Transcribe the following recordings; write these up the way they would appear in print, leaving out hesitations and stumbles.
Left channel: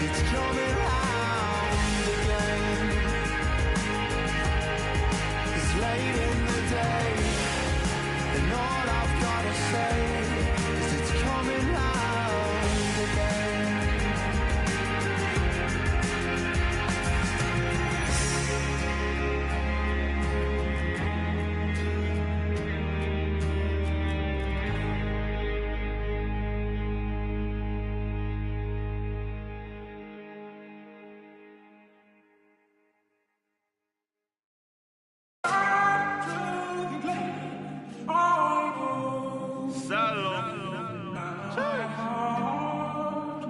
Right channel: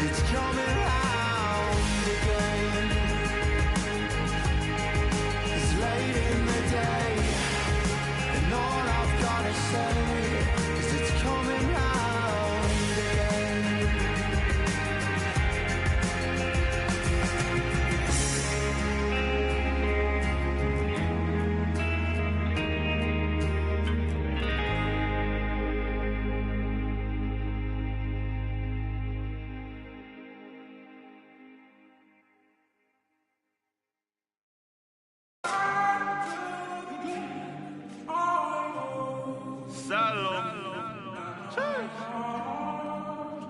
it's coming round again. It's late in the day, and all I've gotta say is it's coming round again.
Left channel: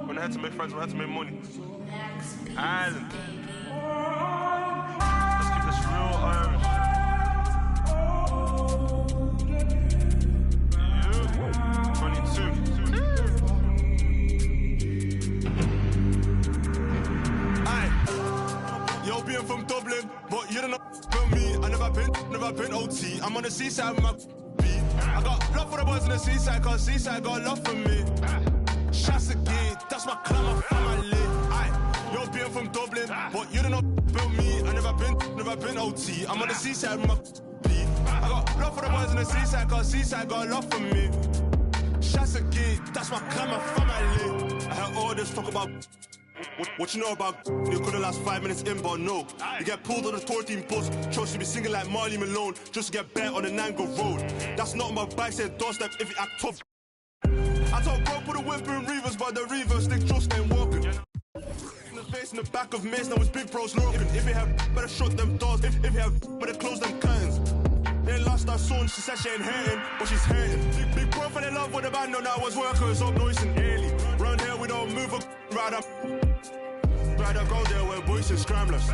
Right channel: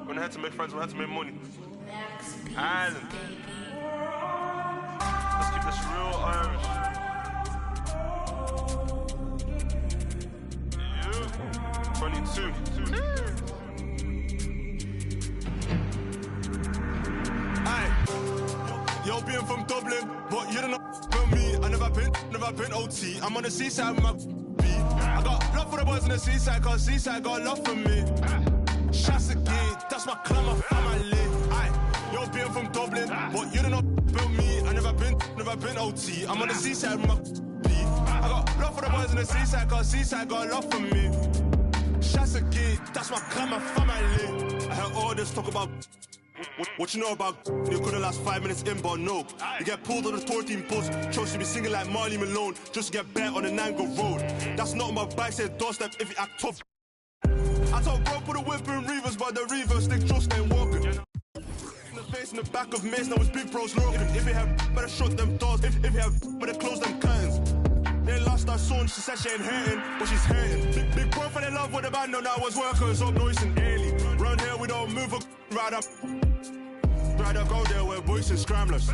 When I had to make friends, when I had to make money. Island. Let's keep this real Irish. Yeah. 22. Aye. Yo, being from Dublin, but you don't know about me. I never been OT. I'm on the seaside with my beat. I got love for the boys on the seaside, cause seaside got love for me. Shots again, that's my clan, my family. Aye, yo, being from Dublin, but you don't know about me. I never been OT. I'm on the seaside with my beat. I got love for the boys on the seaside, cause seaside got love for me. Shots again, that's my clan, my family. I heard all this talk about what you know about you couldn't last 5 minutes in, but no. You get pulled on the tour team bus, chose to be singing like Marley Malone, just to get bet on the Nango Road. That's not on my bike, say doorstep if you act tough. I told bro put a whip in Reavers, but the Reavers stick just ain't walking. In the face in the back of Mace, now it's big bros looking. If you have better shut them doors, if you have better close them curtains. They lost our son, she said she ain't hurting, but she's hurting. Big bro fell in love with the band, no, now I was workers up noise and early. Round here we don't move a rather go there where boys and scramblers.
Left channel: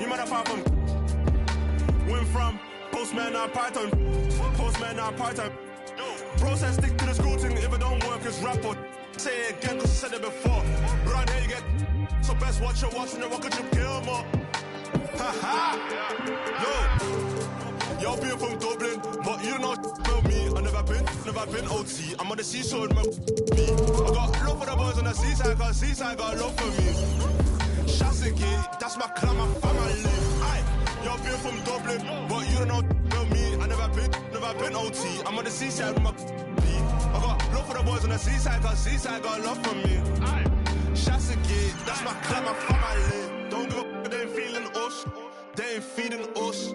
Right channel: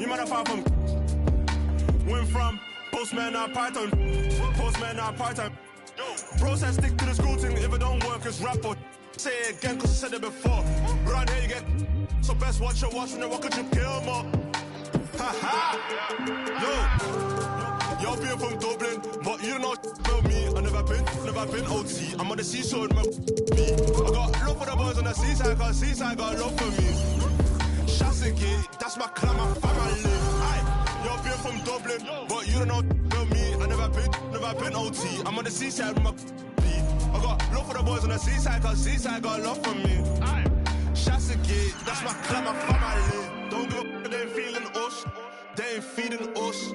You might have found from went from postman or part-time, Bro said stick to the school thing, if it don't work it's rap or say it again cause I said it before. Around here you get so best watch your watch when they walk at your kill more. Haha. Yo, being from Dublin, but you don't know about me. I never been OT. I'm on the seashore with my beat. I got love for the boys on the seaside, cause seaside got love for me. Shots again, that's my clan, my family. Aye, yo, being from Dublin, but you don't know about me. I never been OT. I'm on the seaside with my beat. I got love for the boys on the seaside, cause seaside got love for me. Aye, shots again, that's my clan, my family. Don't give a f***, they ain't feeling us. They ain't feeding us.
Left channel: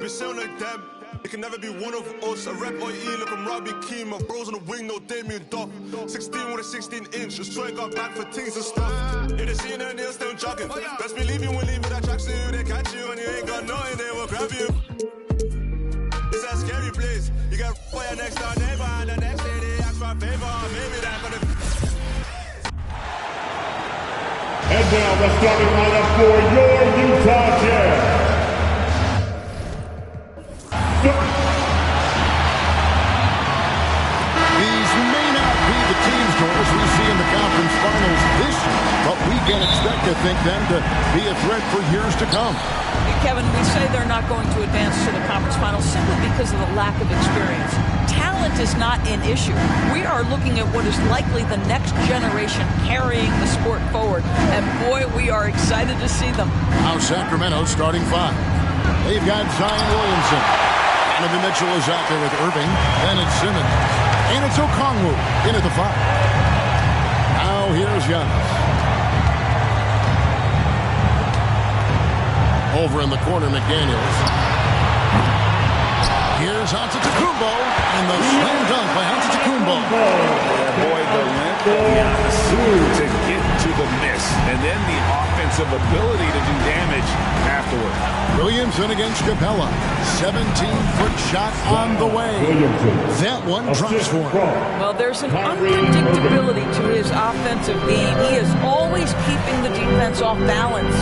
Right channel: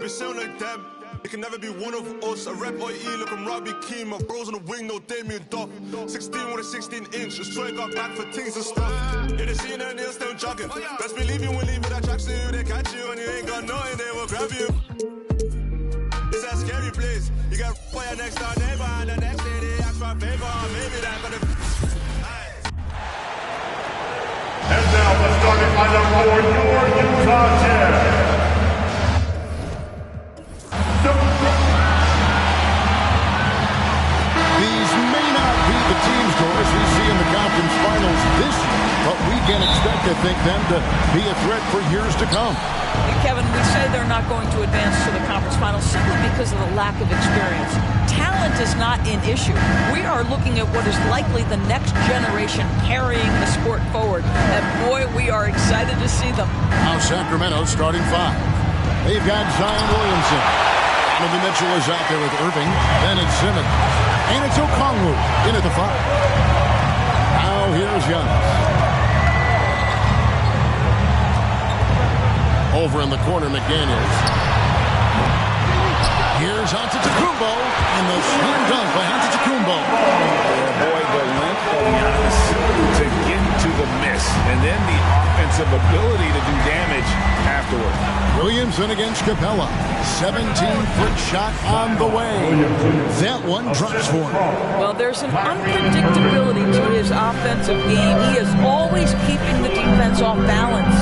We sound like them. It can never be one of us. A rep OE, look, I'm Robbie Keane. My bros on the wing, no Damien Duff. 16 with a 16-inch. Just try got back for things and stuff. In the scene and they're still jogging. Best believe you won't leave with that tracksuit. They catch you and you ain't got nothing, they will grab you. It's a scary place. You get for your next door neighbor, and the next day they ask for a favor. Maybe that for the. And now the starting lineup for your Utah Jazz. These may not be the team scores we see in the conference finals this year, but we can expect to think them to be a threat for years to come. Kevin, we say they're not going to advance to the conference finals simply because of the lack of experience. Talent is not an issue. We are looking at what is likely the next generation carrying the sport forward. And boy, we are excited to see them. Now Sacramento's starting five. They've got Zion Williamson. Donovan Mitchell is out there with Irving. Then it's Simmons. And it's Okongwu in at the five. Now here's Giannis. Over in the corner, McDaniels. Here's Antetokounmpo, and the slam dunk by Antetokounmpo. Yeah, boy, the length of Giannis to get to the miss, and then the offensive ability to do damage afterward. Williamson against Capella. 17-foot shot on the way. That one drops for him. Well, there's an unpredictability to his offensive game. He is always keeping the defense off balance.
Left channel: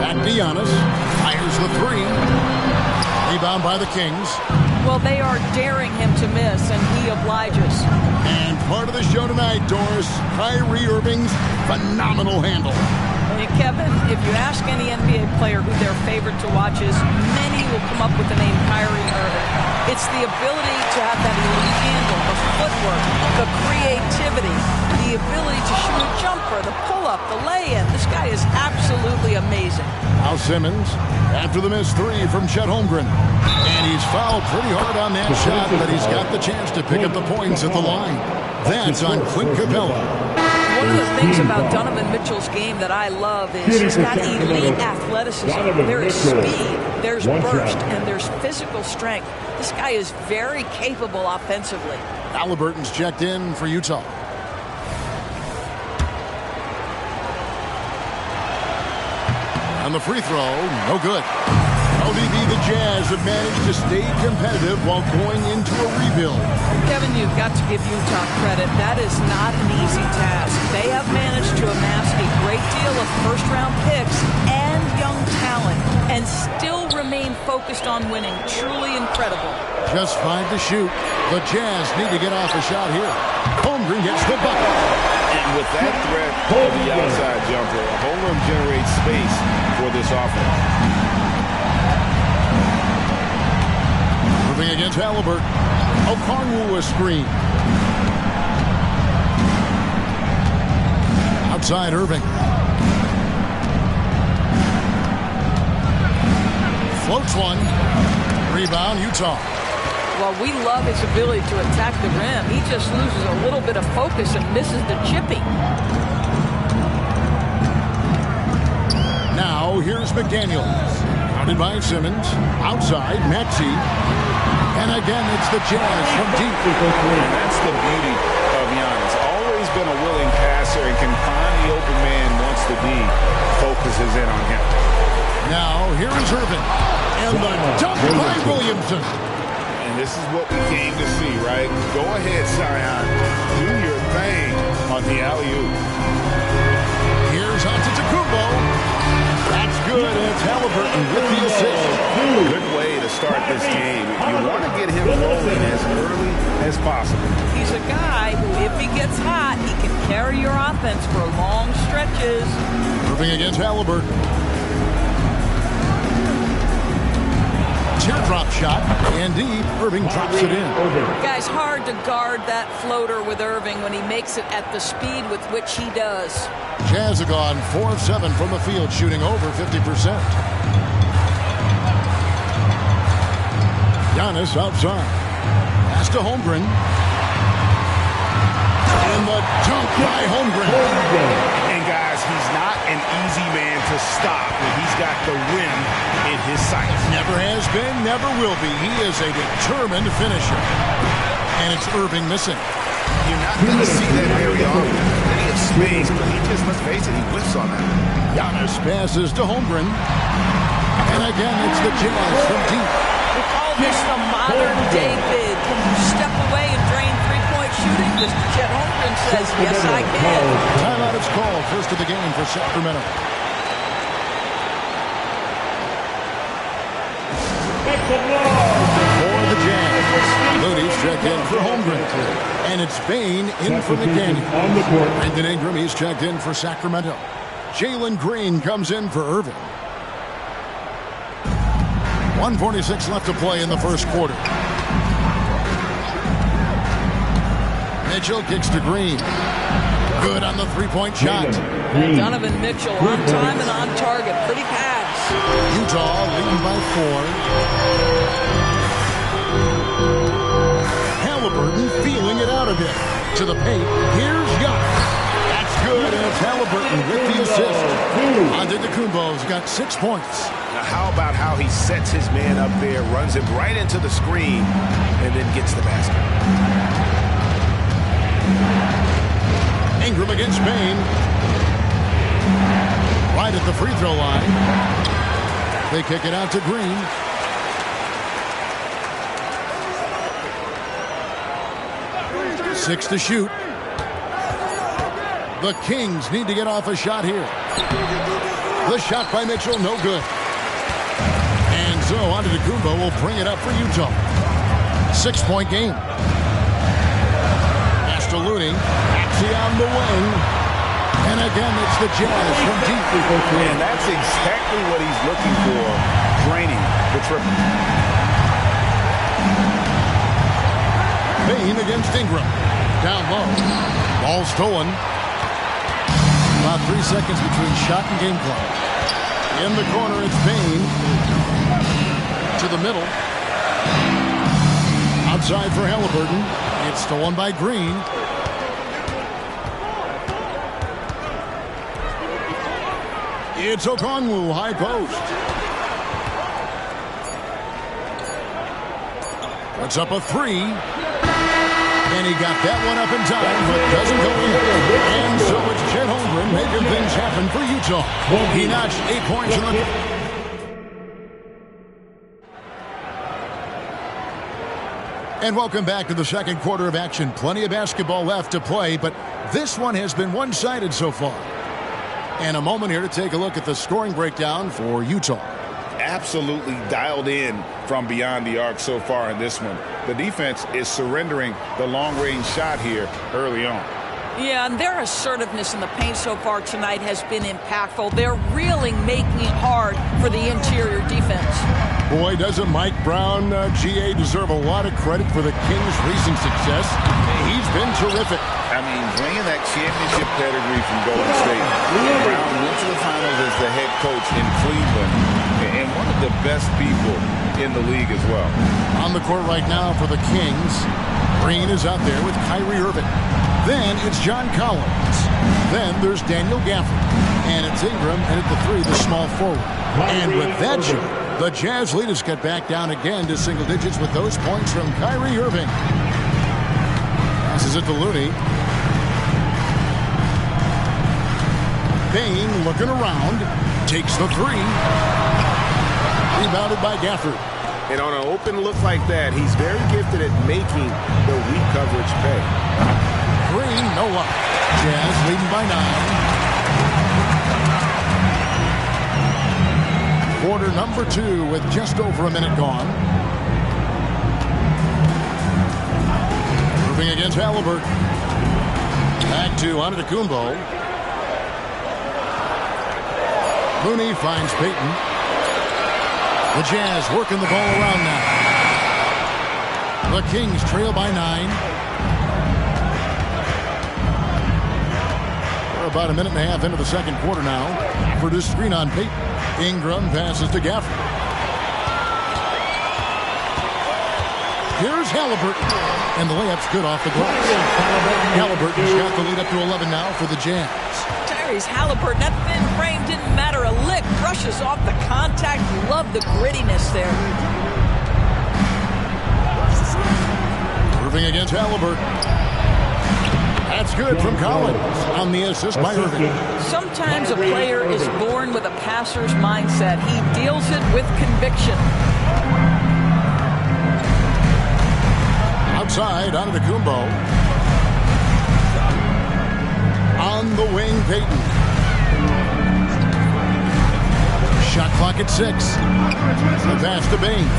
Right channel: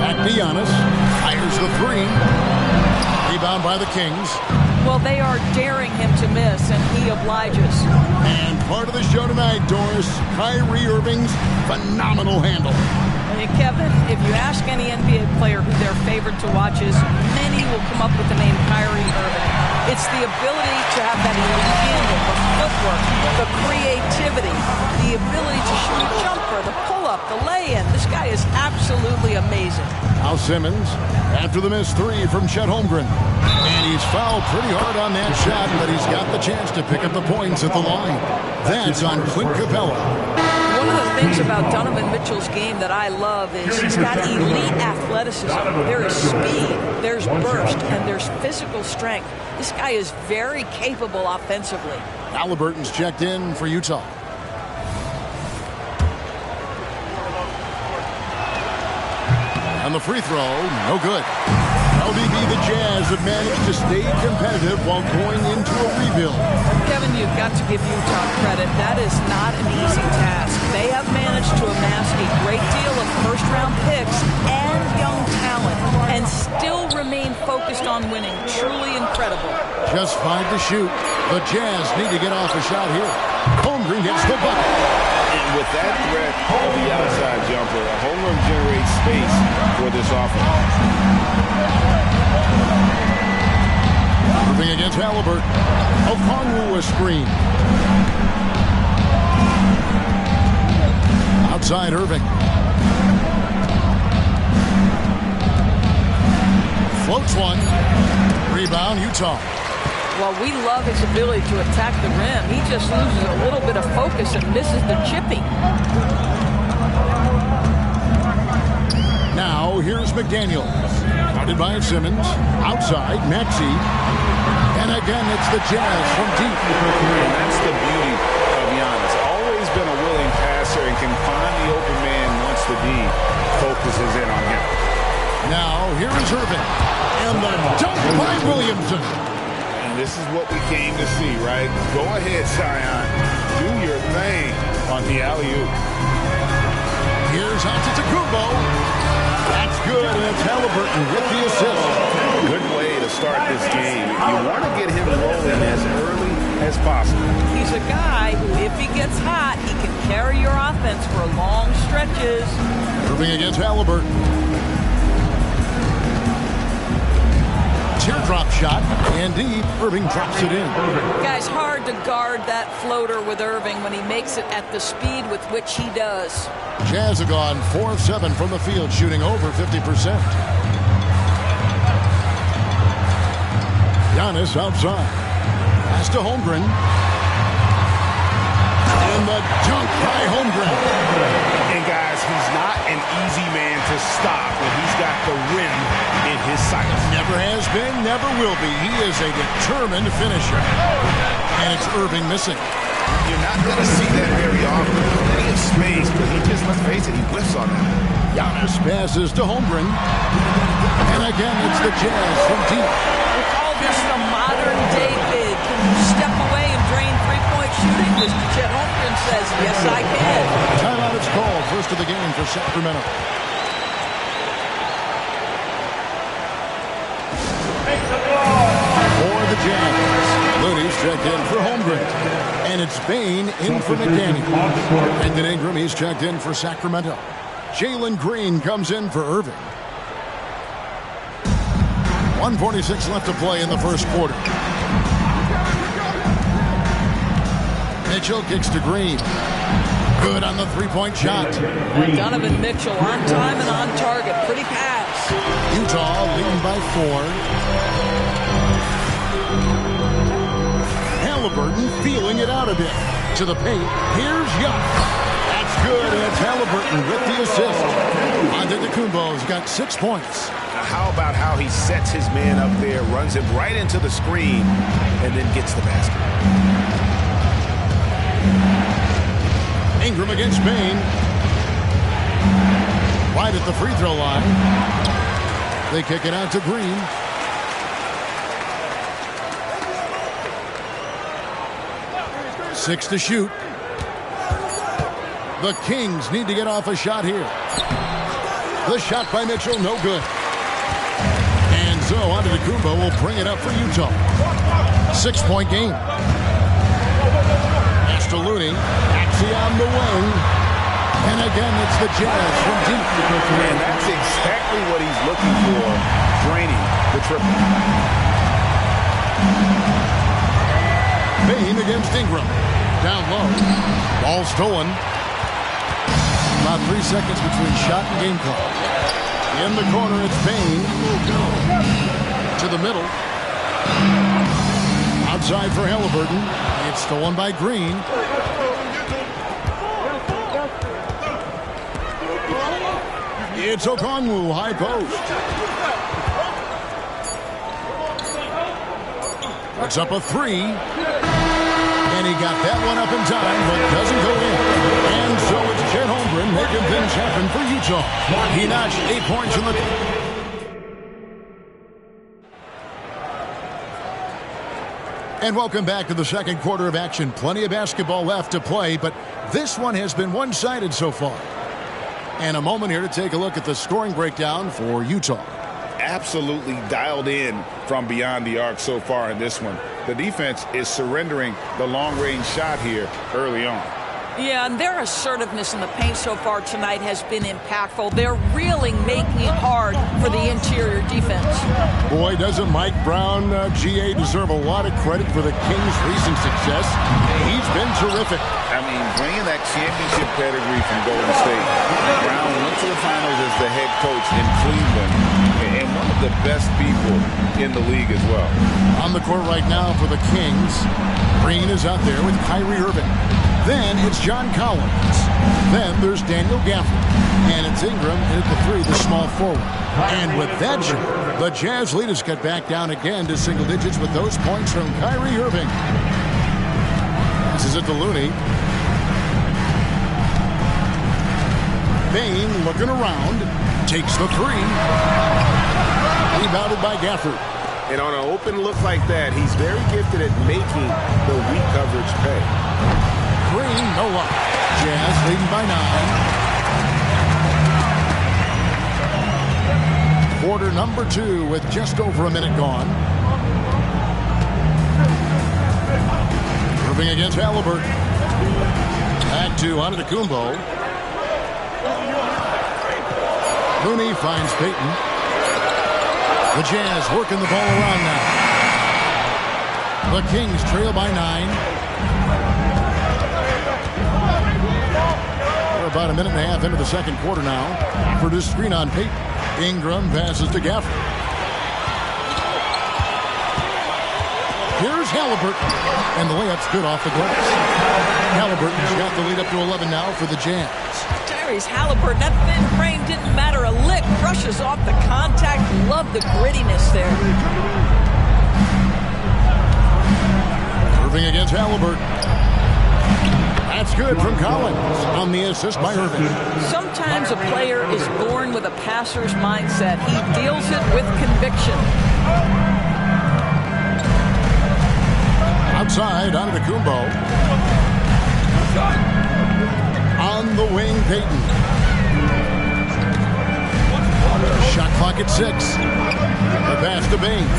Back to Giannis. Fires the three. Rebound by the Kings. Well, they are daring him to miss, and he obliges. And part of the show tonight, Doris, Kyrie Irving's phenomenal handle. Hey, Kevin, if you ask any NBA player who their favorite to watch is, many will come up with the name Kyrie Irving. It's the ability to have that elite handle, the footwork, the creativity, the ability to shoot a jumper, the pull-up, the lay-in. This guy is absolutely amazing. Now Simmons, after the missed three from Chet Holmgren. And he's fouled pretty hard on that shot, but he's got the chance to pick up the points at the line. That's on Clint Capella. One of the things about Donovan Mitchell's game that I love is he's got elite athleticism. There is speed, there's burst, and there's physical strength. This guy is very capable offensively. Halliburton's checked in for Utah. On the free throw, no good. LDB, the Jazz have managed to stay competitive while going into a rebuild. Kevin, you've got to give Utah credit. That is not an easy task. They have managed to amass a great deal of first-round picks and young talent and still remain focused on winning. Truly incredible. Just 5 to shoot. The Jazz need to get off a shot here. Holmgren gets the bucket. And with that threat of the outside jumper, Holmgren generates space for this offense. Irving against Halliburton. Okongwu a screen. Outside Irving. Floats one. Rebound Utah. Well, we love his ability to attack the rim. He just loses a little bit of focus and misses the chipping. Now here's McDaniels. Guarded by Simmons. Outside Maxey. And again, it's the Jazz from deep. And that's the beauty of Giannis. Always been a willing passer and can find the open man once the D focuses in on him. Now, here is Irving. And the dunk by Williamson. And this is what we came to see, right? Go ahead, Zion. Do your thing on the alley-oop. Here's Antetokounmpo. That's good, and it's Halliburton with the assist. Good way to start this game. You want to get him rolling as early as possible. He's a guy who, if he gets hot, he can carry your offense for long stretches. Irving against Halliburton. Teardrop shot, and deep. Irving drops it in. Guys, hard to guard that floater with Irving when he makes it at the speed with which he does. Jazz have gone 4 of 7 from the field, shooting over 50%. Giannis outside. Pass to Holmgren. And the dunk by Holmgren. And guys, he's not an easy man to stop when he's got the rim in his sights. Never has been, never will be. He is a determined finisher. And it's Irving missing. You're not going to see that very often. Plenty of space, but he just, let's face it, he whiffs on that. Giannis passes to Holmgren. And again, it's the Jazz from deep. We call this the modern day bid. Can you step away and drain three-point shooting? Mr. Chet Holmgren says, yes, I can. Timeout is called. First of the game for Sacramento. For the Jazz, Looney's checked in for Holmgren. And it's Bane in for McDaniel. Brandon Ingram, he's checked in for Sacramento. Jalen Green comes in for Irving. 1:46 left to play in the first quarter. Mitchell kicks to Green. Good on the three-point shot. Donovan Mitchell on time and on target. Pretty pass. Utah leading by 4. Halliburton feeling it out a bit. To the paint. Here's Giannis. That's good, and it's Halliburton with the assist. Antetokounmpo's got 6 points. Now, how about how he sets his man up there, runs him right into the screen, and then gets the basket. Ingram against Bane. Right at the free throw line. They kick it out to Green. Six to shoot. The Kings need to get off a shot here. The shot by Mitchell, no good. And so Antetokounmpo will bring it up for Utah. 6-point game. Pass to Looney. Maxey on the wing. And again, it's the Jazz from deep. And that's exactly what he's looking for, draining the triple. Payne against Ingram. Down low. Ball stolen. About 3 seconds between shot and game clock. In the corner, it's Payne. To the middle. Outside for Halliburton. It's stolen by Green. It's Okongwu, high post. Puts up a three. And he got that one up in time, but doesn't go in. And so it's Chet Holmgren making things happen for Utah. He notched 8 points in the... And welcome back to the second quarter of action. Plenty of basketball left to play, but this one has been one-sided so far. And a moment here to take a look at the scoring breakdown for Utah. Absolutely dialed in from beyond the arc so far in this one. The defense is surrendering the long-range shot here early on. Yeah, and their assertiveness in the paint so far tonight has been impactful. They're really making it hard for the interior defense. Boy, doesn't Mike Brown, GA, deserve a lot of credit for the Kings' recent success. He's been terrific. I mean, bringing that championship pedigree from Golden State. Brown went to the finals as the head coach in Cleveland, and one of the best people in the league as well. On the court right now for the Kings, Green is out there with Kyrie Irving. Then it's John Collins. Then there's Daniel Gafford. And it's Ingram, and at the three, the small forward. And with that shot, the Jazz lead has cut back down again to single digits with those points from Kyrie Irving. Passes it to Looney. Payne looking around. Takes the three. Rebounded by Gafford. And on an open look like that, he's very gifted at making the weak coverage pay. Green, no luck. Jazz leading by 9. Quarter number 2 with just over a minute gone. Irving against Halliburton. Back to Antetokounmpo. Looney finds Payton. The Jazz working the ball around now. The Kings trail by 9. We're about a minute and a half into the second quarter now. For this screen on Payton. Ingram passes to Gafford. Here's Halliburton. And the layup's good off the glass. Halliburton's got the lead up to 11 now for the Jazz. Tyrese Halliburton, that thin frame didn't matter a lick. Brushes off the contact. Love the grittiness there. Irving against Halliburton. That's good from Collins on the assist by Irving. Sometimes a player is born with a passer's mindset. He deals it with conviction. Outside, Antetokounmpo. On the wing, Payton. Shot clock at 6. The pass to Bane.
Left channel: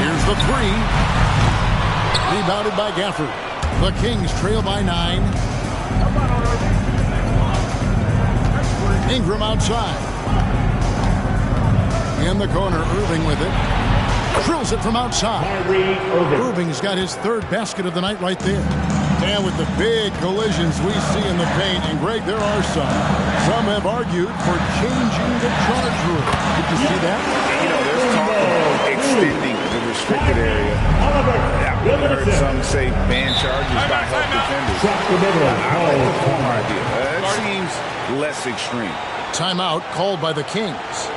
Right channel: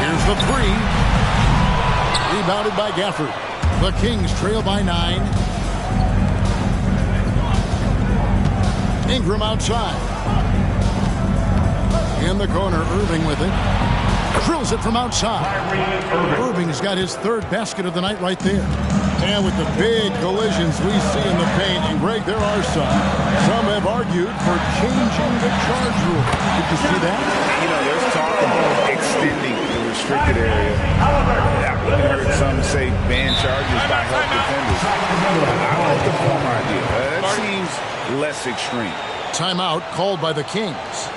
Here's the three. Rebounded by Gafford. The Kings trail by 9. Ingram outside. In the corner, Irving with it. Drills it from outside. Irving's got his third basket of the night right there. And with the big collisions we see in the paint, and Greg, there are some. Some have argued for changing the charge rule. Did you see that? You know, there's talk of extending the restricted area. I've even heard some say ban charges by help defenders. I like the former idea. That seems less extreme. Timeout called by the Kings.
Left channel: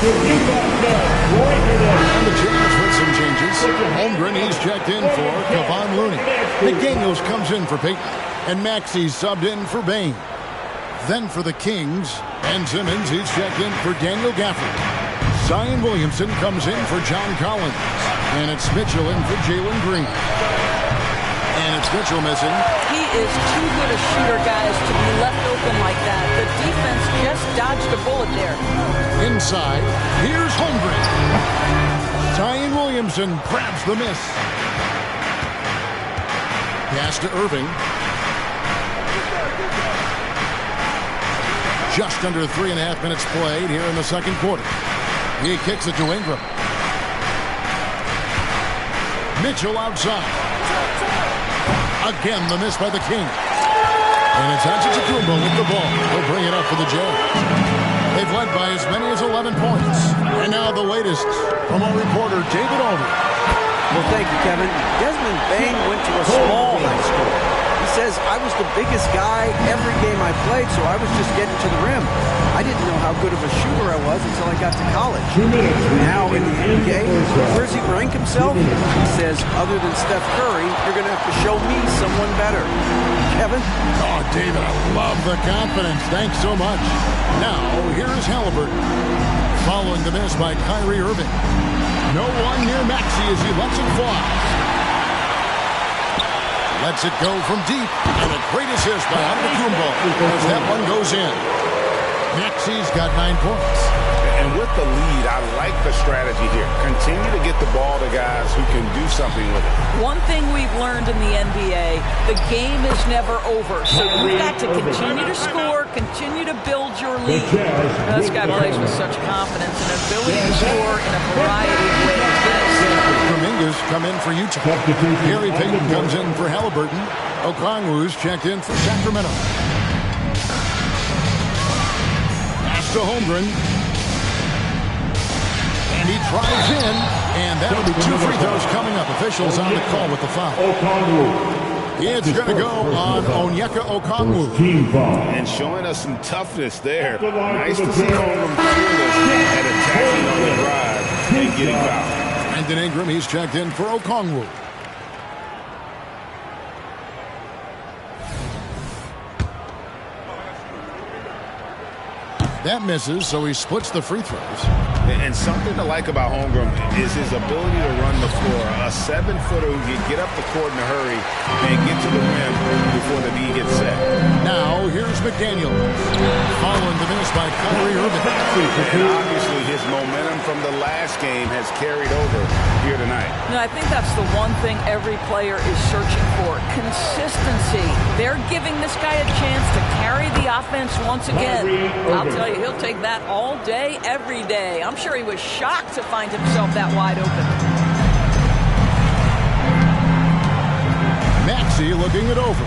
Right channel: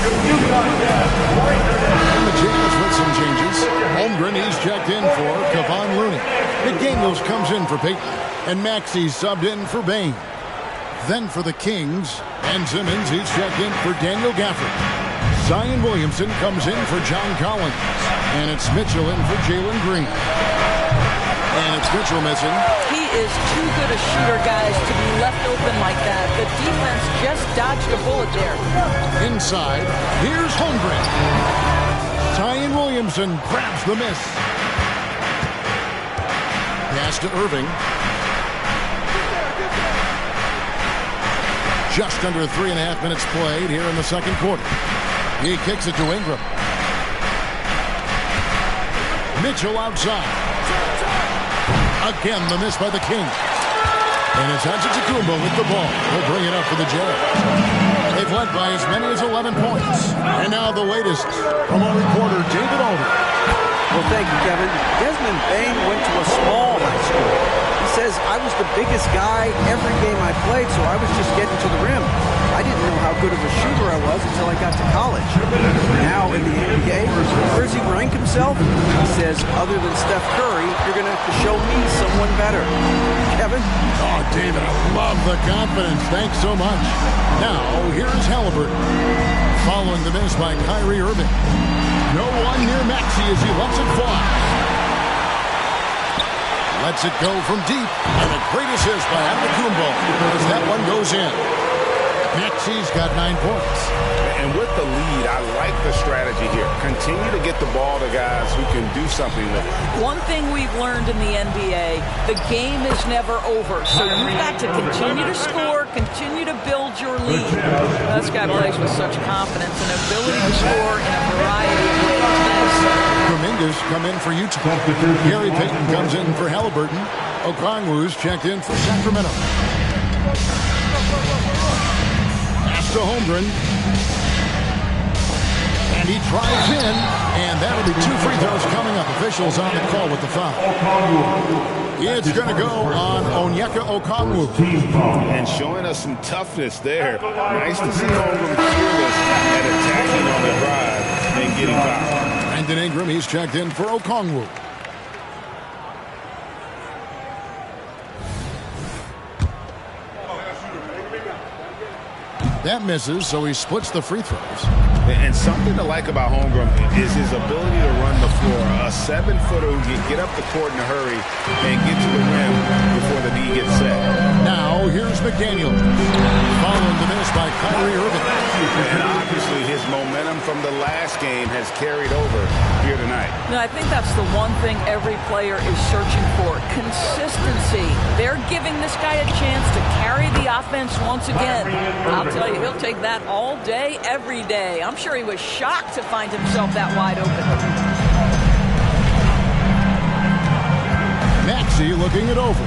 And the Jazz with some changes. Holmgren, he's checked in for Kevon Looney. McDaniels comes in for Payton. And Maxey's subbed in for Bane. Then for the Kings, Ben Simmons, he's checked in for Daniel Gafford. Zion Williamson comes in for John Collins. And it's Mitchell in for Jalen Green. And it's Mitchell missing. He is too good a shooter, guys, to be left open like that. The defense just dodged a bullet there. Inside, here's Holmgren. Zion Williamson grabs the miss. Pass to Irving. Just under 3.5 minutes played here in the second quarter. He kicks it to Ingram. Mitchell outside. Again, the miss by the Kings. And it's Antetokounmpo with the ball. He'll bring it up for the Jazz. They've led by as many as 11 points. And now the latest from our reporter, David Aldridge. Well, thank you, Kevin. Desmond Bane went to a small high school. He says, I was the biggest guy every game I played, so I was just getting to the rim. I didn't know how good of a shooter I was until I got to college. Now in the NBA, where does he rank himself? He says, other than Steph Curry, you're going to have to show me someone better. Kevin? Oh, David, I love the confidence. Thanks so much. Now, here is Halliburton. Following the miss by Kyrie Irving. No one near Maxey as he lets it fly. Lets it go from deep. And a great assist by Antetokounmpo as that one goes in. Maxey's got 9 points. And with the lead, I like the strategy here. Continue to get the ball to guys who can do something with it. One thing we've learned in the NBA, the game is never over. So you've got to continue to score, continue to build your lead. This guy plays with such confidence and ability to score in a variety of ways. Dominguez come in for Utah. Gary Payton comes in for Halliburton. Okongwu's checked in for Sacramento. Pass to Holmgren. And he drives in, and that'll be 2 free throws coming up. Officials on the call with the foul. It's going to go on Onyeka Okongwu. And showing us some toughness there. Nice to see Holmgren fearless at attacking on the drive and getting fouled. Brandon Ingram, he's checked in for Okongwu. That misses, so he splits the free throws. And something to like about Holmgren is his ability to run the floor. A 7-footer who can get up the court in a hurry and get to the rim before the D gets set. Now, here's McDaniel. Following the miss by Kyrie Irving. And obviously his momentum from the last game has carried over here tonight. No, I think that's the one thing every player is searching for. Consistency. They're giving this guy a chance to carry the offense once again. I'll tell you, he'll take that all day, every day. I'm sure he was shocked to find himself that wide open. Maxey looking it over.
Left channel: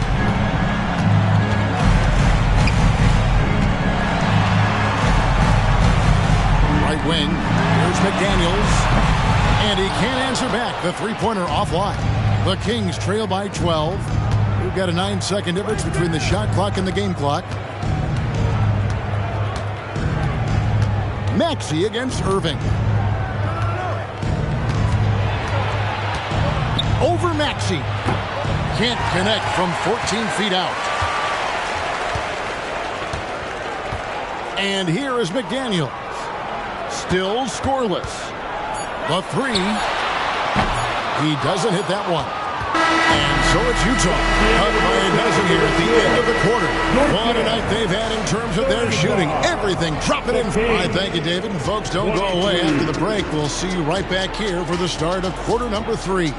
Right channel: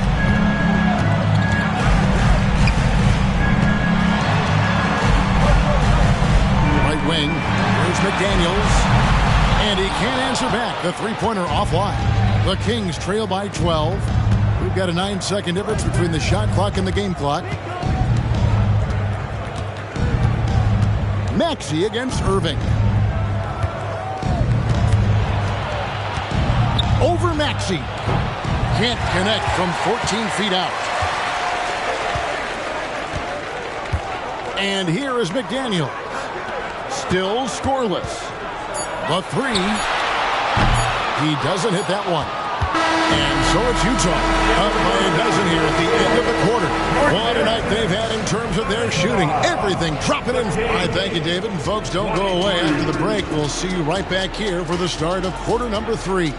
Right wing, here's McDaniels. And he can't answer back. The three-pointer offline. The Kings trail by 12. We've got a 9-second difference between the shot clock and the game clock. Maxey against Irving. Over Maxey. Can't connect from 14 feet out. And here is McDaniels. Still scoreless. The three. He doesn't hit that one. And so it's Utah up by a dozen here at the end of the quarter. What a night they've had in terms of their shooting. Everything dropping in. I thank you, David. And folks, don't go away after the break. We'll see you right back here for the start of quarter number 3.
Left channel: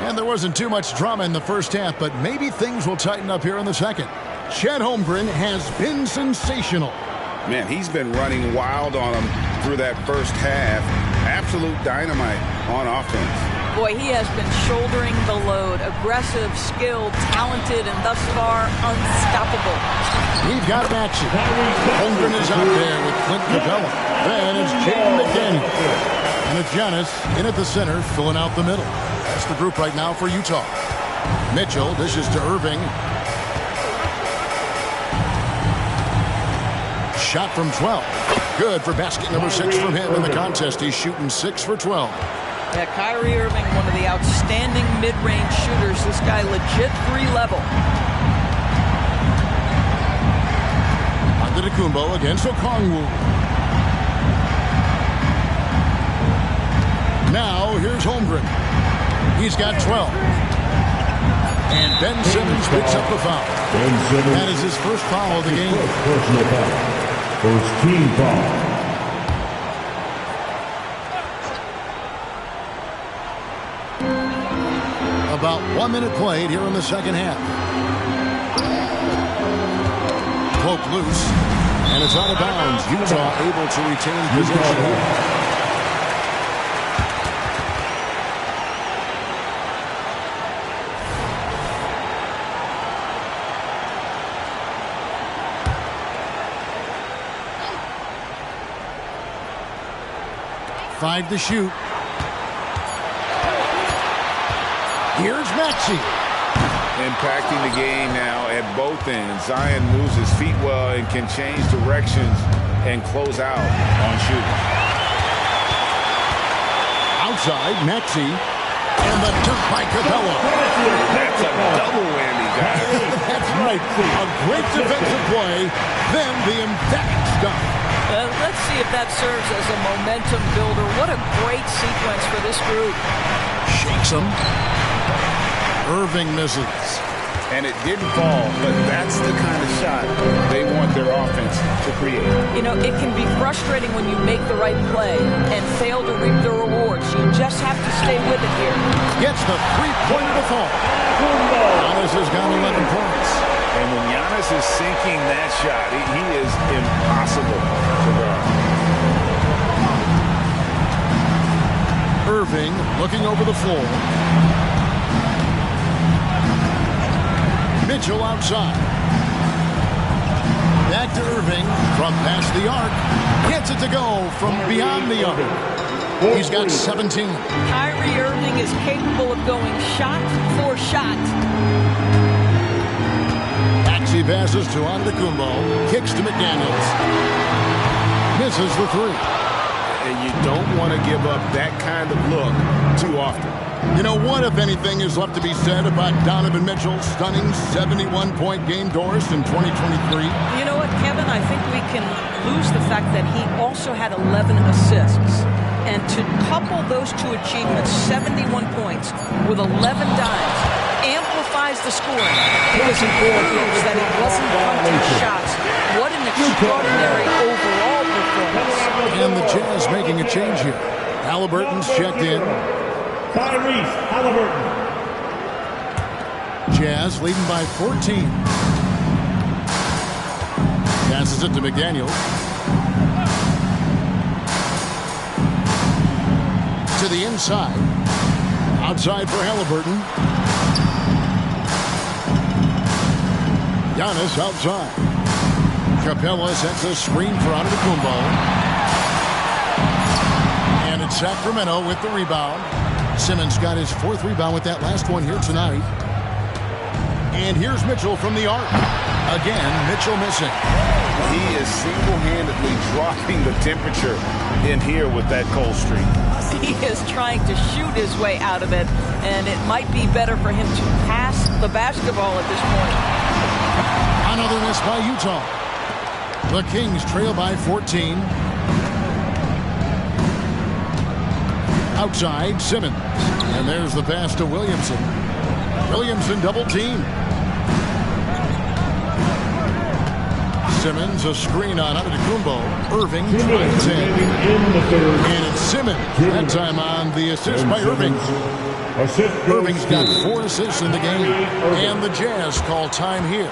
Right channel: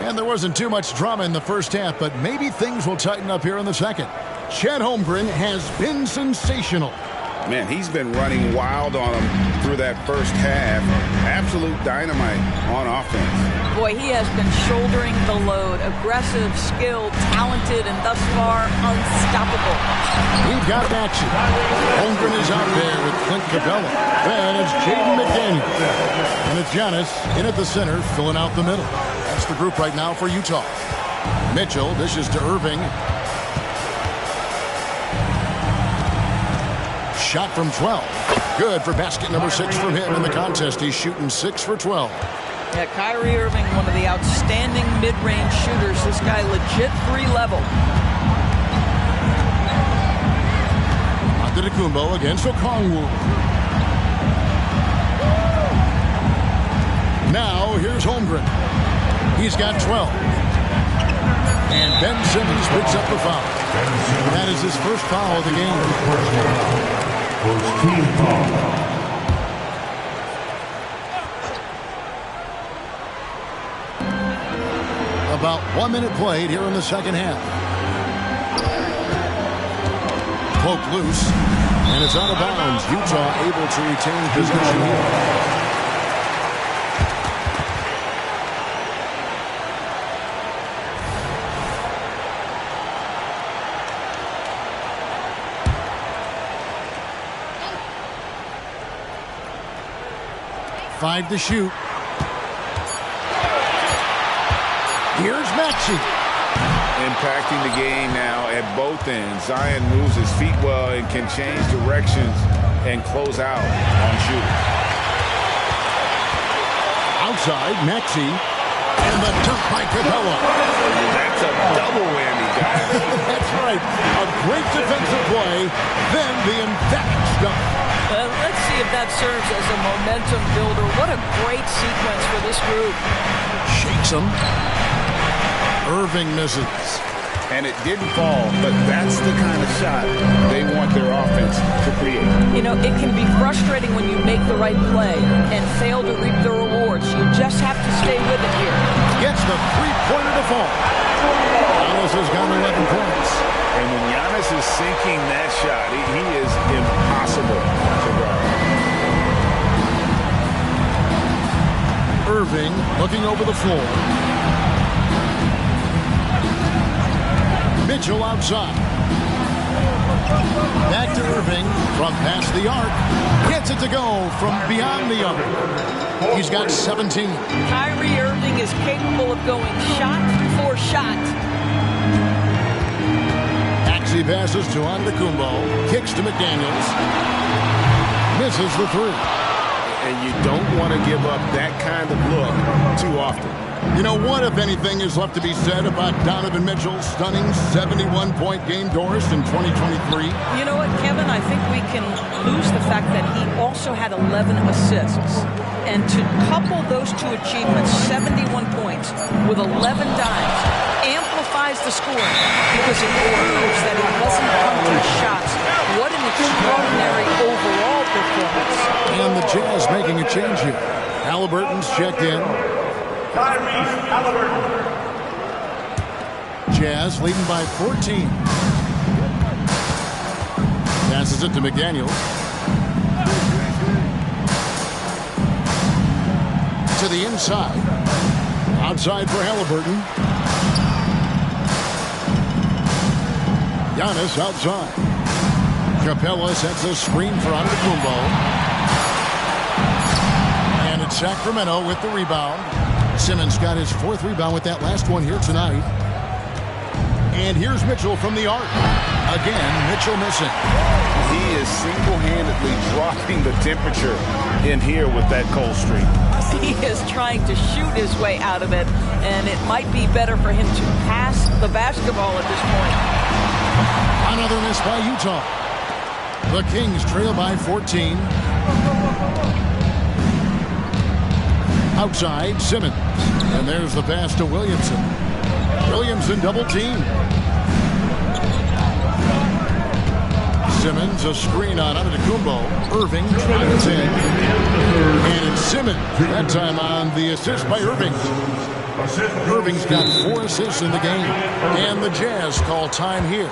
And there wasn't too much drama in the first half, but maybe things will tighten up here in the second. Chet Holmgren has been sensational. Man, he's been running wild on him through that first half. Absolute dynamite on offense. Boy, he has been shouldering the load. Aggressive, skilled, talented, and thus far, unstoppable. We've got Maxey. Holmgren is out there with Clint Capella. Then it's Jaden McDaniels. And it's Giannis in at the center, filling out the middle. That's the group right now for Utah. Mitchell dishes to Irving. Shot from 12. Good for basket number 6 from him in the contest. He's shooting 6 for 12. Yeah, Kyrie Irving, one of the outstanding mid-range shooters. This guy legit 3-level. Antetokounmpo against Okongwu. Now here's Holmgren. He's got 12. And Ben Simmons picks up the foul. That is his first foul of the game. Personal foul. First team foul. About 1 minute played here in the second half. Poked loose, and it's out of bounds. Utah able to retain possession here. Five to shoot. Here's Maxey. Impacting the game now at both ends. Zion moves his feet well and can change directions and close out on shooters. Outside, Maxey. And the dunk by Capella. That's a double whammy, guys. That's right. A great defensive play, then the emphatic stuff. Let's see if that serves as a momentum builder. What a great sequence for this group. Shakes him. Irving misses. And it didn't fall, but that's the kind of shot they want their offense to create. You know, it can be frustrating when you make the right play and fail to reap the rewards. You just have to stay with it here. Gets the three-pointer to fall. Giannis has got 11 points. And when Giannis is sinking that shot, he is impossible to guard. Irving looking over the floor. Mitchell outside. Back to Irving from past the arc. Gets it to go from beyond the arc. He's got 17. Kyrie Irving is capable of going shot for shot. He passes to Antetokounmpo, kicks to McDaniels, misses the three. And you don't want to give up that kind of look too often. You know what, if anything, is left to be said about Donovan Mitchell's stunning 71-point game, Doris, in 2023? You know what, Kevin? I think we can lose the fact that he also had 11 assists. And to couple those two achievements, 71 points with 11 dimes, amplifies the scoring because it proves that he wasn't punting shots. What an extraordinary overall performance. And the Jazz making a change here. Halliburton's checked in. Tyrese Halliburton. Jazz leading by 14. Passes it to McDaniel. To the inside. Outside for Halliburton. Giannis outside. Capella sets a screen for Antetokounmpo. And it's Sacramento with the rebound. Simmons got his fourth rebound with that last one here tonight. And here's Mitchell from the arc. Again, Mitchell missing. He is single-handedly dropping the temperature in here with that cold streak. He is trying to shoot his way out of it, and it might be better for him to pass the basketball at this point. Another miss by Utah. The Kings trail by 14. Outside, Simmons. And there's the pass to Williamson. Williamson double team. Simmons, a screen on Antetokounmpo. Irving drives in. And it's Simmons. That time on the assist by Irving. Irving's got 4 assists in the game. And the Jazz call time here.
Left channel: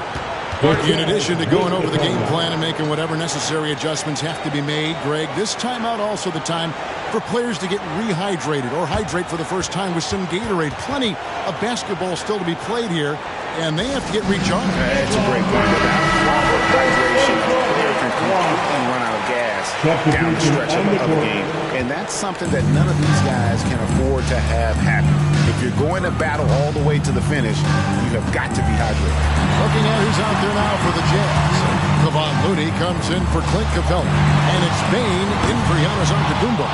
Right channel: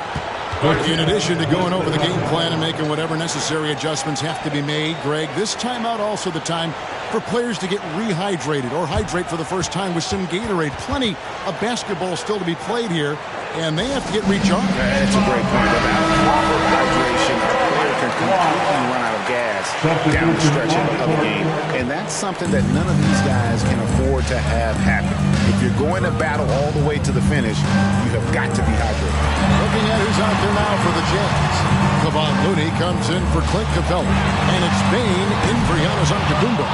In addition to going over the game plan and making whatever necessary adjustments have to be made, Greg, this timeout also the time for players to get rehydrated or hydrate for the first time with some Gatorade. Plenty of basketball still to be played here, and they have to get recharged. That's a great point. Without proper hydration, a player can completely run out of gas down the stretch of a game, and that's something that none of these guys can afford to have happen. If you're going to battle all the way to the finish, you have got to be hydrated. Looking at who's out there now for the Jazz. Kevon Looney comes in for Clint Capella, and it's Bane in for Giannis Antetokounmpo.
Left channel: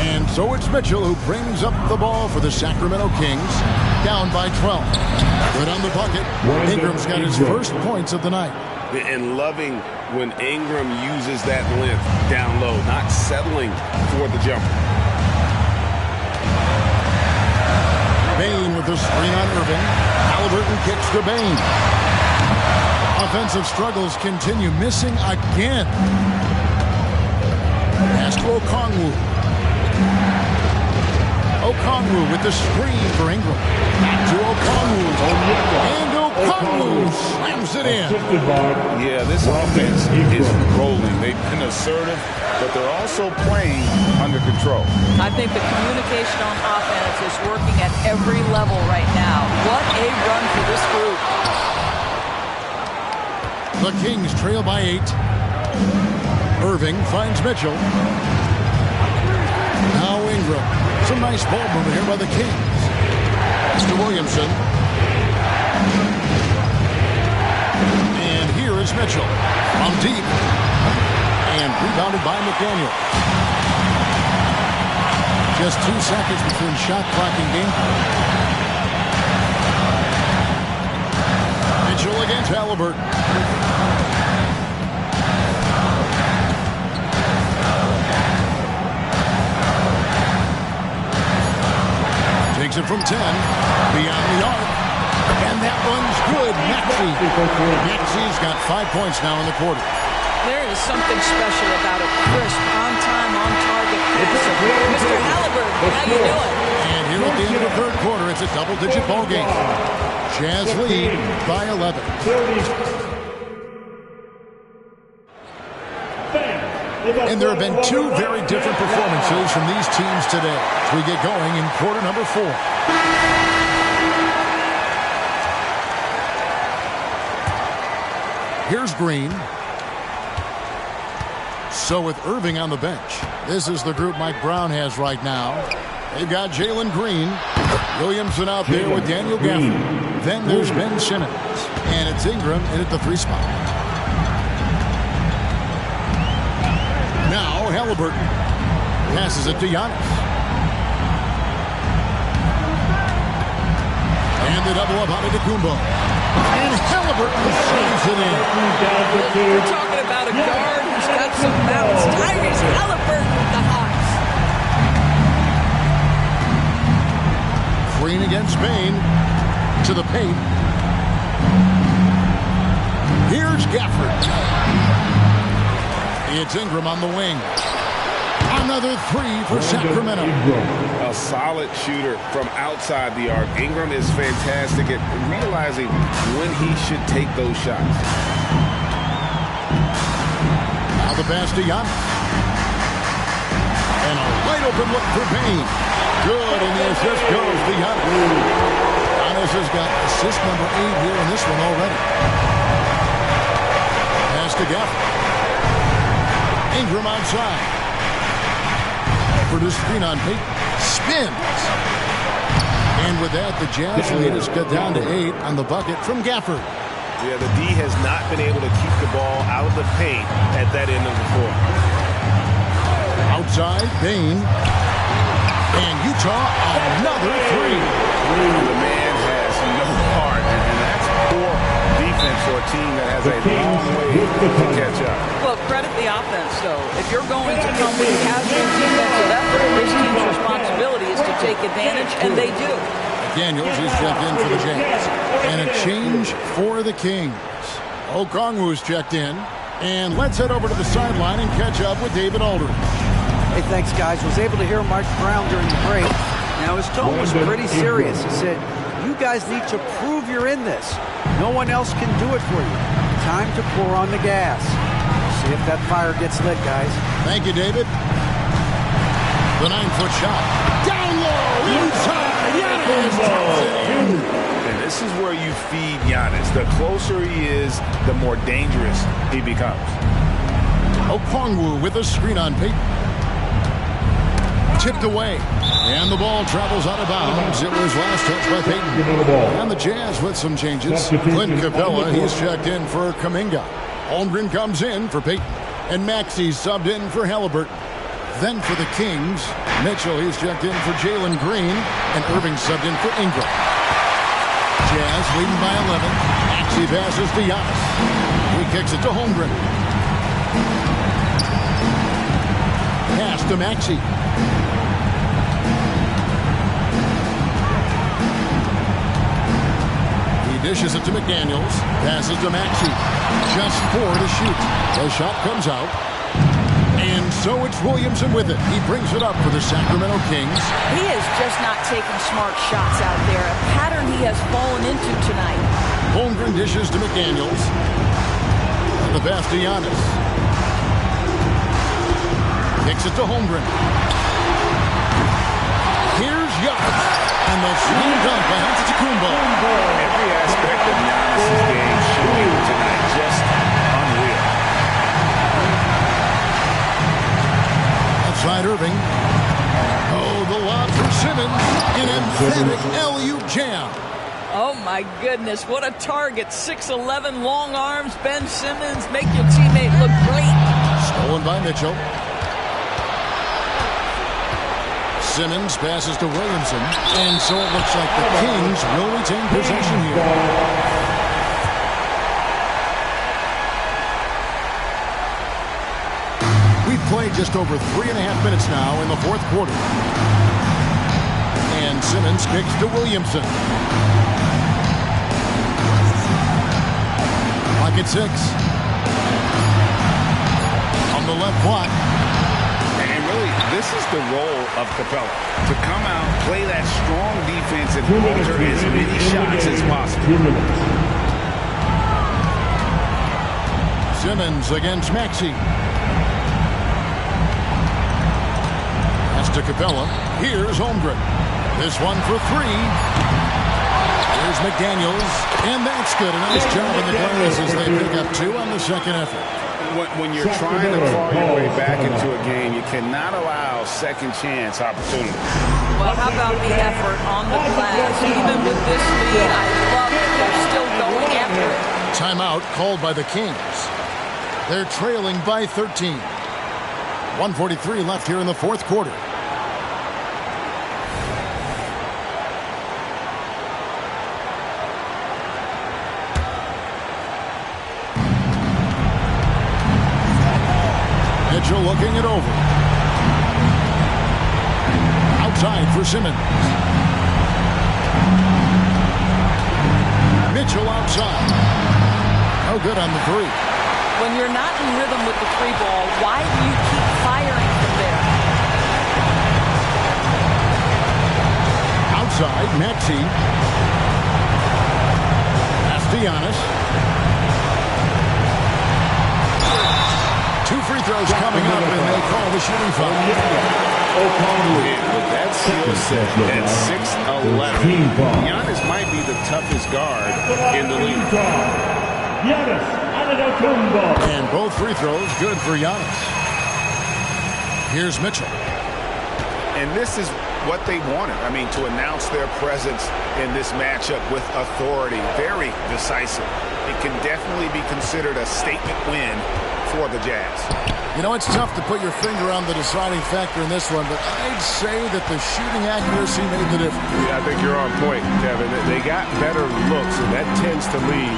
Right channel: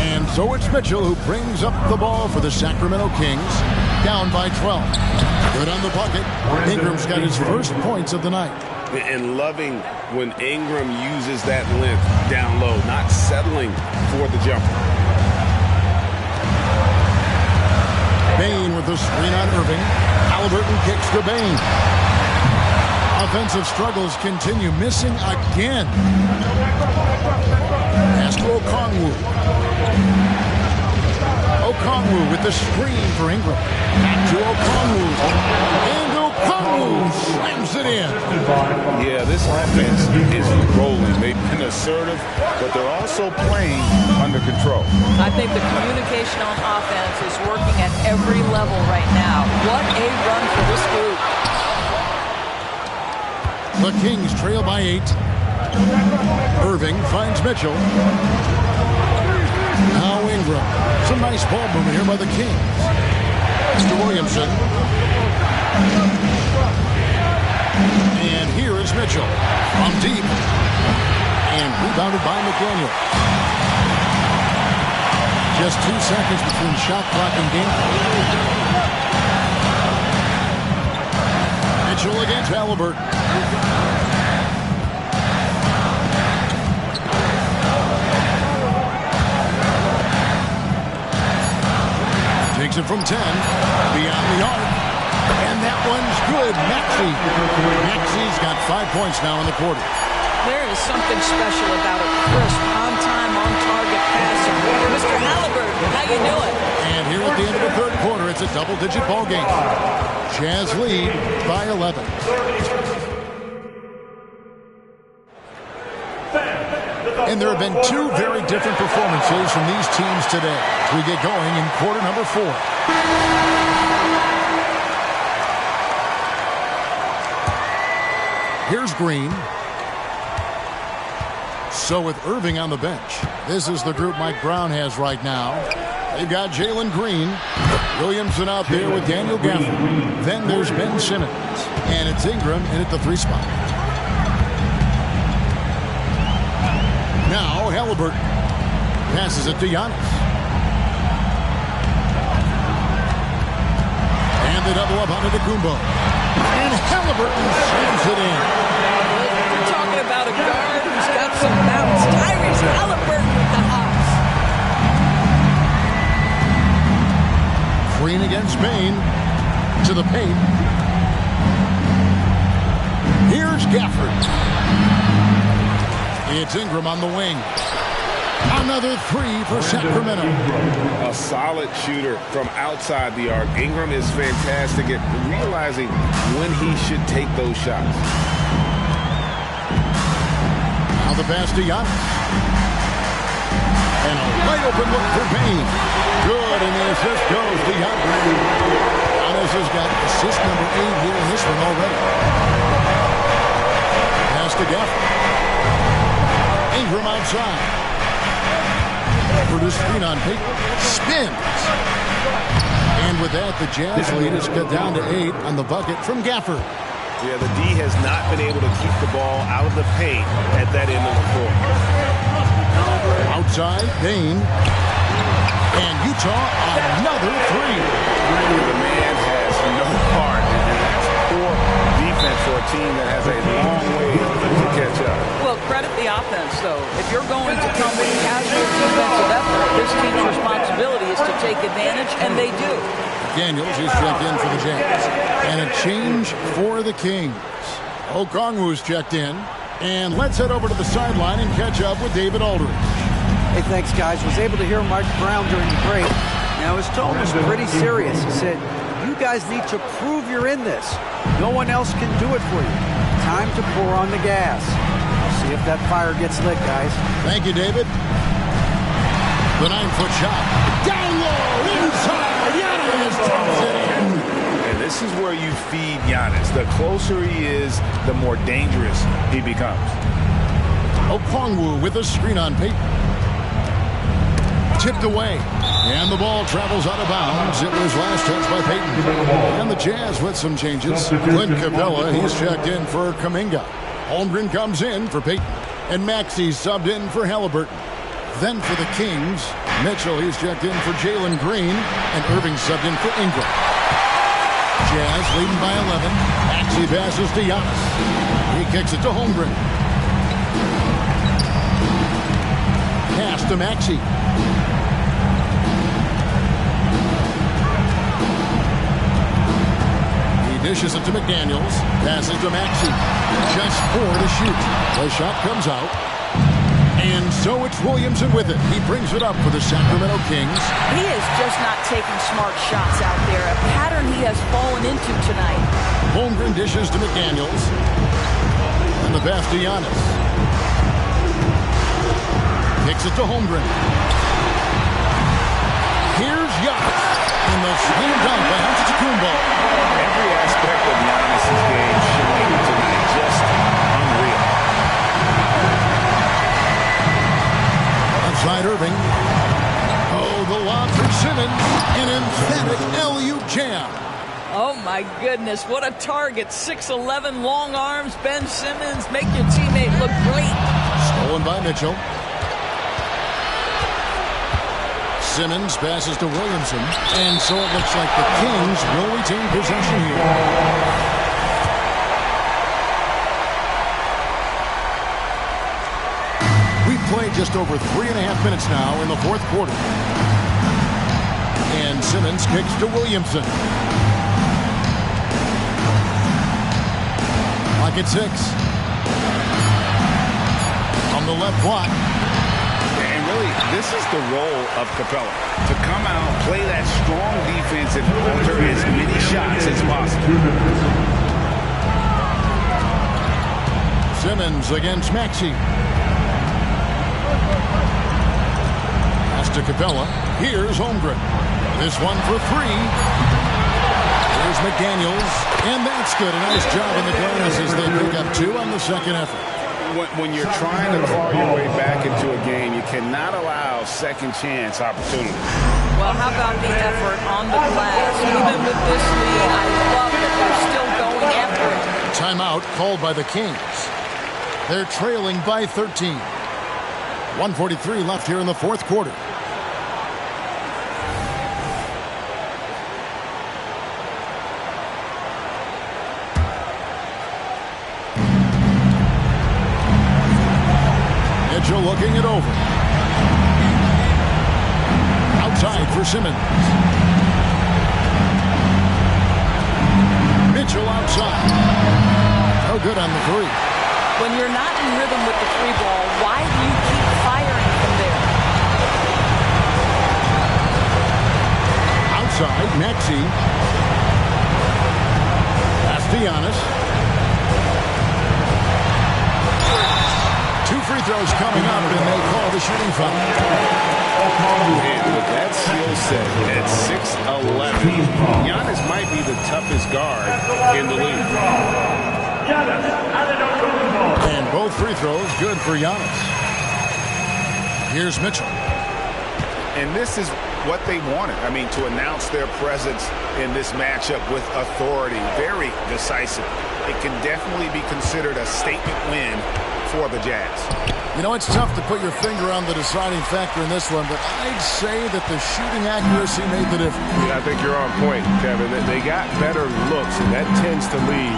And so it's Mitchell who brings up the ball for the Sacramento Kings, down by 12. Good on the bucket. Ingram's got his first points of the night. And loving when Ingram uses that length down low, not settling for the jumper. Bane with the screen on Irving. Halliburton kicks to Bane. Offensive struggles continue, missing again. Pass to Okongwu. Okongwu with the screen for Ingram. Back to Okongwu. And Okongwu slams it in. Yeah, this offense is rolling. They've been assertive, but they're also playing under control. I think the communication on offense is working at every level right now. What a run for this group. The Kings trail by 8. Irving finds Mitchell. Now Ingram. Some nice ball movement here by the Kings. Mr. Williamson. And here is Mitchell from deep. And rebounded by McDaniel. Just 2 seconds between shot clock and game clock. Mitchell against Halliburton. Takes it from 10, beyond the arc, and that one's good. Maxi's got 5 points now in the quarter. There is something special about a crisp, on-time, on-target passer. Mr. Halliburton, how you doing? And here at the end of the third quarter, it's a double-digit ball game. Jazz lead by 11. And there have been 2 very different performances from these teams today as we get going in quarter number 4. Here's Green. So with Irving on the bench, this is the group Mike Brown has right now. They've got Jalen Green, Williamson out there with Daniel Gafford. Then there's Ben Simmons, and it's Ingram in at the 3 spot. Now Halliburton passes it to Giannis. And the double up on Antetokounmpo. And Halliburton slams it in. We're talking about a guard who's got some bounce. Tyrese Halliburton with the hops. Green against Bain. To the paint. Here's Gafford. It's Ingram on the wing. Another 3 for Sacramento. A solid shooter from outside the arc. Ingram is fantastic at realizing when he should take those shots. Now the pass to Giannis. And a wide open look for Bain. Good, and the assist goes to Giannis. Giannis has got assist number 8 here in this one already. Pass to Gafford. Ingram outside. For the screen on Payton. Spins. And with that, the Jazz lead is cut down to 8 on the bucket from Gafford. Yeah, the D has not been able to keep the ball out of the paint at that end of the floor. Outside, Bain. And Utah, another 3. The man has no heart, and that's poor defense for a team that has a long way to catch up. Well, credit the offense, though. If you're going to come with casual defensive effort, this team's responsibility is to take advantage, and they do. Daniels, he's checked in for the Jazz. And a change for the Kings. Okongwu's checked in. And let's head over to the sideline and catch up with David Aldridge. Hey, thanks, guys. Was able to hear Mike Brown during the break. Now, his tone was pretty serious. He said, you guys need to prove you're in this. No one else can do it for you. Time to pour on the gas. See if that fire gets lit, guys. Thank you, David. The 9-foot shot. Down low, inside. Giannis drops it in. And this is where you feed Giannis. The closer he is, the more dangerous he becomes. Okongwu with a screen on Payton. Tipped away. And the ball travels out of bounds. It was last touched by Payton. And the Jazz with some changes. Clint Capella, he's checked in for Kuminga. Holmgren comes in for Payton. And Maxey subbed in for Halliburton. Then for the Kings, Mitchell, he's checked in for Jalen Green. And Irving subbed in for Ingram. Jazz leading by 11. Maxey passes to Giannis. He kicks it to Holmgren. Pass to Maxey. Dishes it to McDaniels. Passes to Maxey. Just 4 to shoot. The shot comes out. And so it's Williamson with it. He brings it up for the Sacramento Kings. He is just not taking smart shots out there, a pattern he has fallen into tonight. Holmgren dishes to McDaniels. And the pass to Giannis. Kicks it to Holmgren. Here's Giannis. And the slam dunk by Antetokounmpo. Every aspect of Giannis' game showing tonight. Just unreal. Outside Irving. Oh, the lob for Simmons. An emphatic alley-oop jam. Oh, my goodness. What a target. 6'11", long arms. Ben Simmons, make your teammate look great. Stolen by Mitchell. Simmons passes to Williamson. And so it looks like the Kings will retain possession here. We've played just over 3.5 minutes now in the fourth quarter. And Simmons kicks to Williamson. Clock at 6. On the left block. And really, this is the role of Capella. To come out, play that strong defense, and alter as many shots as possible. Simmons against Maxey. Pass to Capella. Here's Holmgren. This one for 3. Here's McDaniels. And that's good. A nice job in the glass as they pick up 2 on the second effort. When you're trying to claw your way back into a game, you cannot allow second chance opportunity. Well, how about the effort on the glass? Even with this lead, I love that they're still going after it. Timeout called by the Kings. They're trailing by 13. 1:43 left here in the fourth quarter. Mitchell looking it over. Outside for Simmons. Mitchell outside. No good on the 3. When you're not in rhythm with the 3 ball, why do you keep firing from there? Outside, Maxey. Pass to Giannis. 2 free throws coming up, and they call the shooting foul. And with that skill set at 6'11", Giannis might be the toughest guard in the league. And both free throws good for Giannis. Here's Mitchell. And this is what they wanted. I mean, to announce their presence in this matchup with authority. Very decisive. It can definitely be considered a statement win for the Jazz. You know, it's tough to put your finger on the deciding factor in this one, but I'd say that the shooting accuracy made the difference. Yeah, I think you're on point, Kevin. They got better looks, and that tends to lead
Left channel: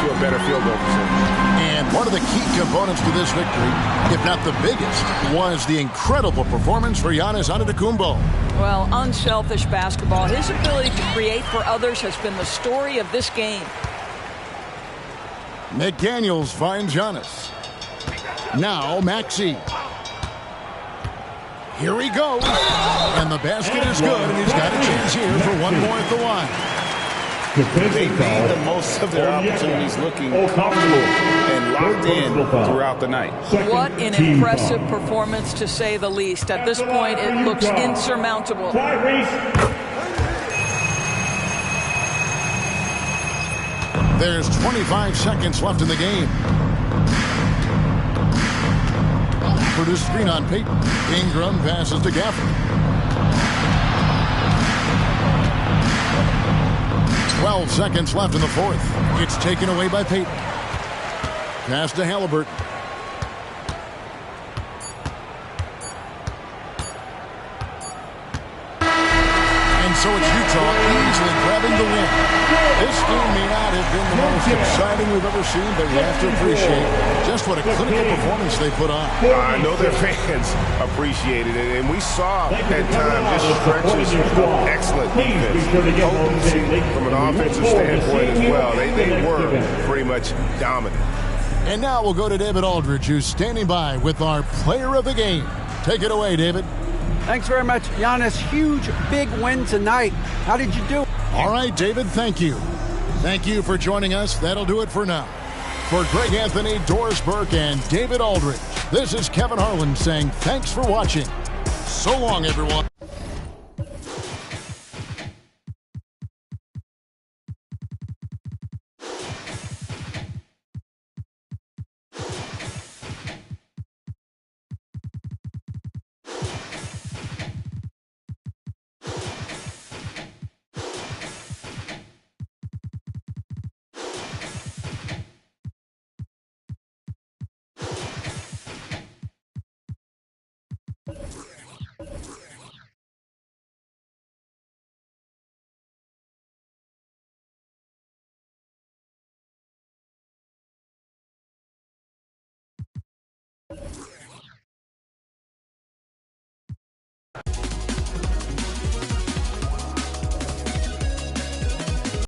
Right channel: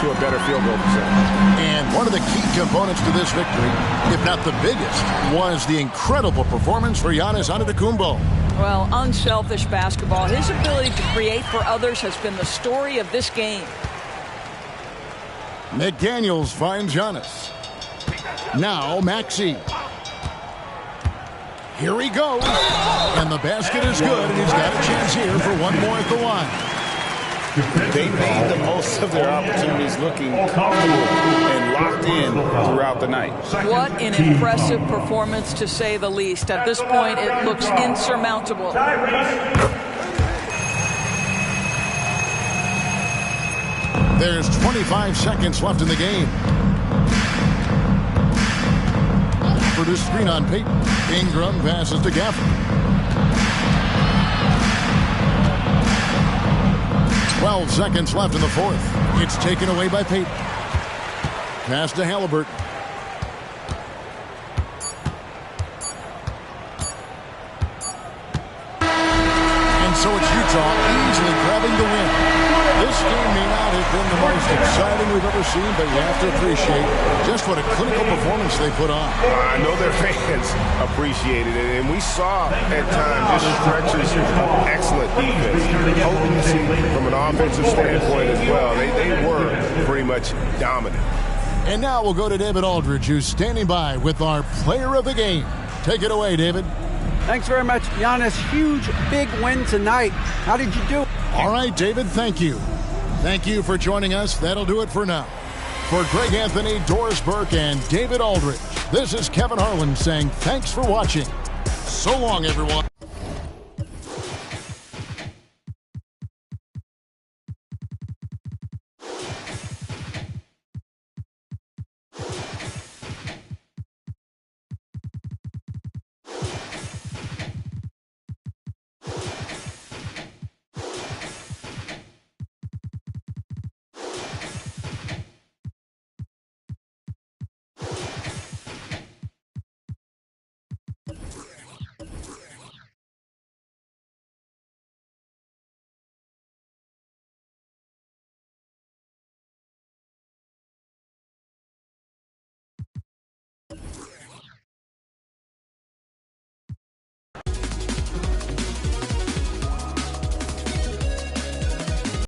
to a better field goal percentage. And one of the key components to this victory, if not the biggest, was the incredible performance for Giannis Antetokounmpo. Well, unselfish basketball. His ability to create for others has been the story of this game. McDaniels finds Giannis. Now Maxey. Here he goes. And the basket is good, and he's got a chance here for one more at the line. They made the most of their opportunities, looking comfortable and locked in throughout the night. What an impressive performance, to say the least. At this point, it looks insurmountable. There's 25 seconds left in the game. For the screen on Payton. Ingram passes to Gafford. 12 seconds left in the fourth. It's taken away by Payton. Pass to Halliburton. And so it's Utah easily grabbing the win. This game may not have been the most exciting we've ever seen, but you have to appreciate just what a clinical performance they put on. I know their fans appreciated it, and we saw at times just stretches of excellent defense, potency from an offensive standpoint as well. They were pretty much dominant. And now we'll go to David Aldridge, who's standing by with our player of the game. Take it away, David. Thanks very much, Giannis. Huge, big win tonight. How did you do? All right, David, thank you. Thank you for joining us. That'll do it for now. For Greg Anthony, Doris Burke, and David Aldridge, this is Kevin Harlan saying thanks for watching. So long, everyone.